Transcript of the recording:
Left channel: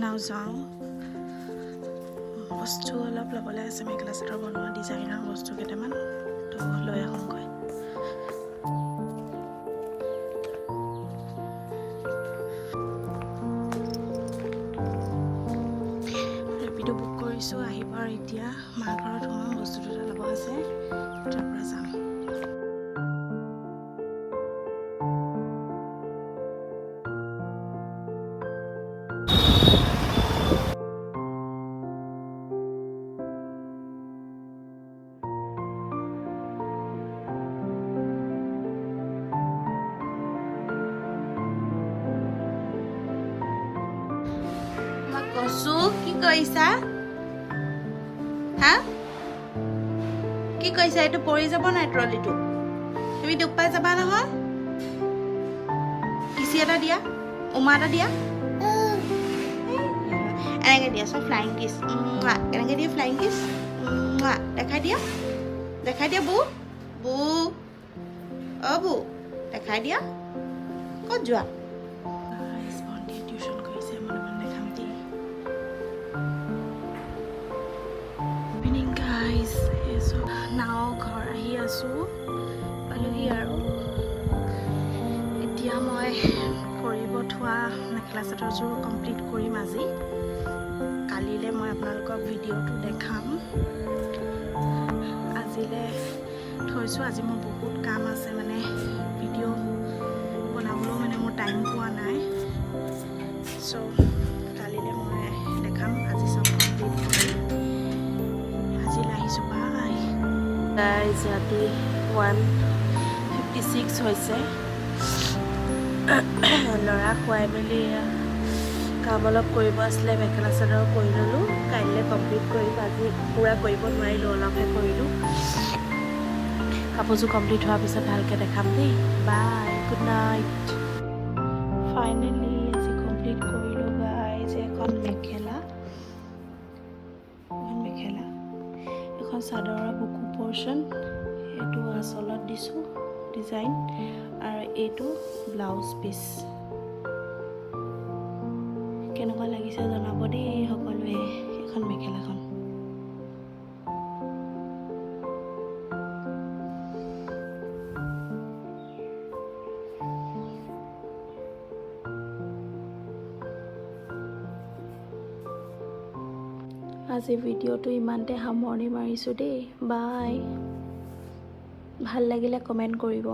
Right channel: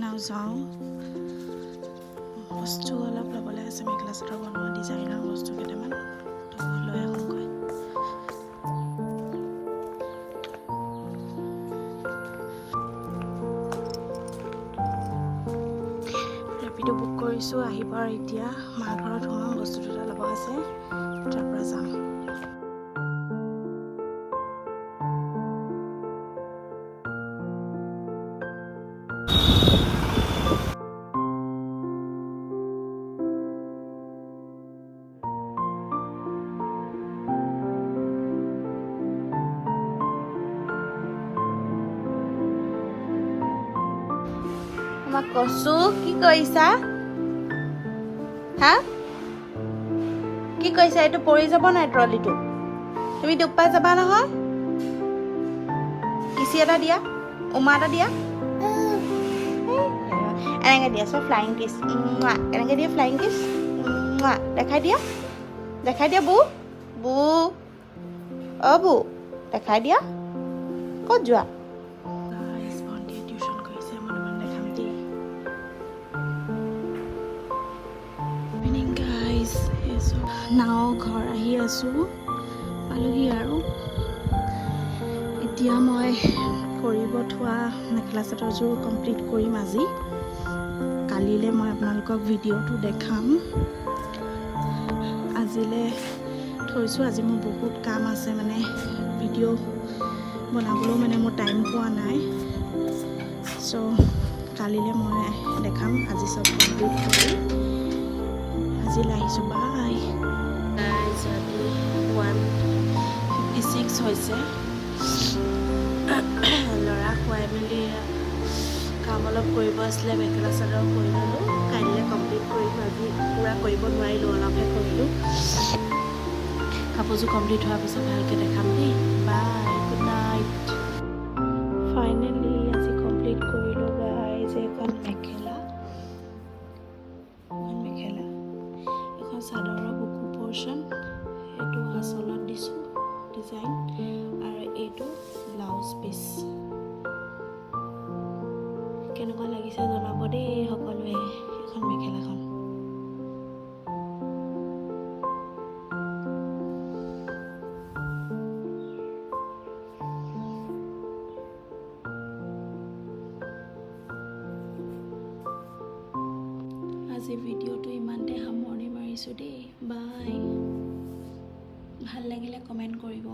নাযাওঁ বস্তু অলপ ল'বলৈ আছে মেখেলা চাদৰ বনোৱা ডিজাইনৰ বস্তু কেইটামান তো লৈ আহোঁগৈ ৰেপিডো বুক কৰিছোঁ আহিব আৰু এতিয়া মাৰ ঘৰত সোমাম বস্তু দুটা ল'ব আছে তাৰ পৰা যাম আমাক কচু কি কৰিছা হা কি কৰিছা এইটো পৰি যাব নাই ট্ৰলিটো তুমি দুখ পাই যাবা নহয় কিচি এটা দিয়া উমা এটা দিয়া এনেকৈ দিয়া চব ফ্লাইং কিছ এনেকৈ দিয়া ফ্লাইং কিছ দেখাই দিয়া বু বু অ বু দেখাই দিয়া ক'ত যোৱা টিউশ্যন কৰিছে মই দেখাম দেই ইভিনিং গাইজ নাও ঘৰ আহি আছোঁ পালোহি আৰু এতিয়া মই কৰিব থোৱা মেখেলা চাদৰযোৰ কমপ্লিট কৰিম আজি কালিলৈ মই আপোনালোকক ভিডিঅ'টো দেখাম আজিলৈ থৈছোঁ আজি মোৰ বহুত কাম আছে মানে ভিডিঅ' বনাবলৈও মানে মোৰ টাইম পোৱা নাই চ' কালিলৈ মই দেখাম আজি চব কমপ্লিট কৰি আজিলৈ আহিছোঁ বাই গাইজ ৰাতি 1:56 হৈছে ল'ৰা খুৱাই মেলি কাম অলপ কৰিব আছিলে মেখেলা চাদৰ কৰি ল'লোঁ কাইলৈ কমপ্লিট কৰিম আজি পূৰা কৰিব নোৱাৰিলোঁ অলপহে কৰিলোঁ কাপোৰযোৰ কমপ্লিট হোৱাৰ পিছত ভালকৈ দেখাম দেই বাই গুড নাইট ফাইনেলি আজি কমপ্লিট কৰিলোঁ গাইজ এখন মেখেলা এখন চাদৰৰ বুকু পৰ্চন এইটো আঁচলত দিছোঁ ডিজাইন আৰু এইটো ব্লাউজ পিচ কেনেকুৱা লাগিছে জনাব দেই সকলোৱে এখন মেখেলাখন আজি ভিডিঅ'টো ইমানতে সামৰণি মাৰিছোঁ দেই বাই ভাল লাগিলে কমেণ্ট কৰিব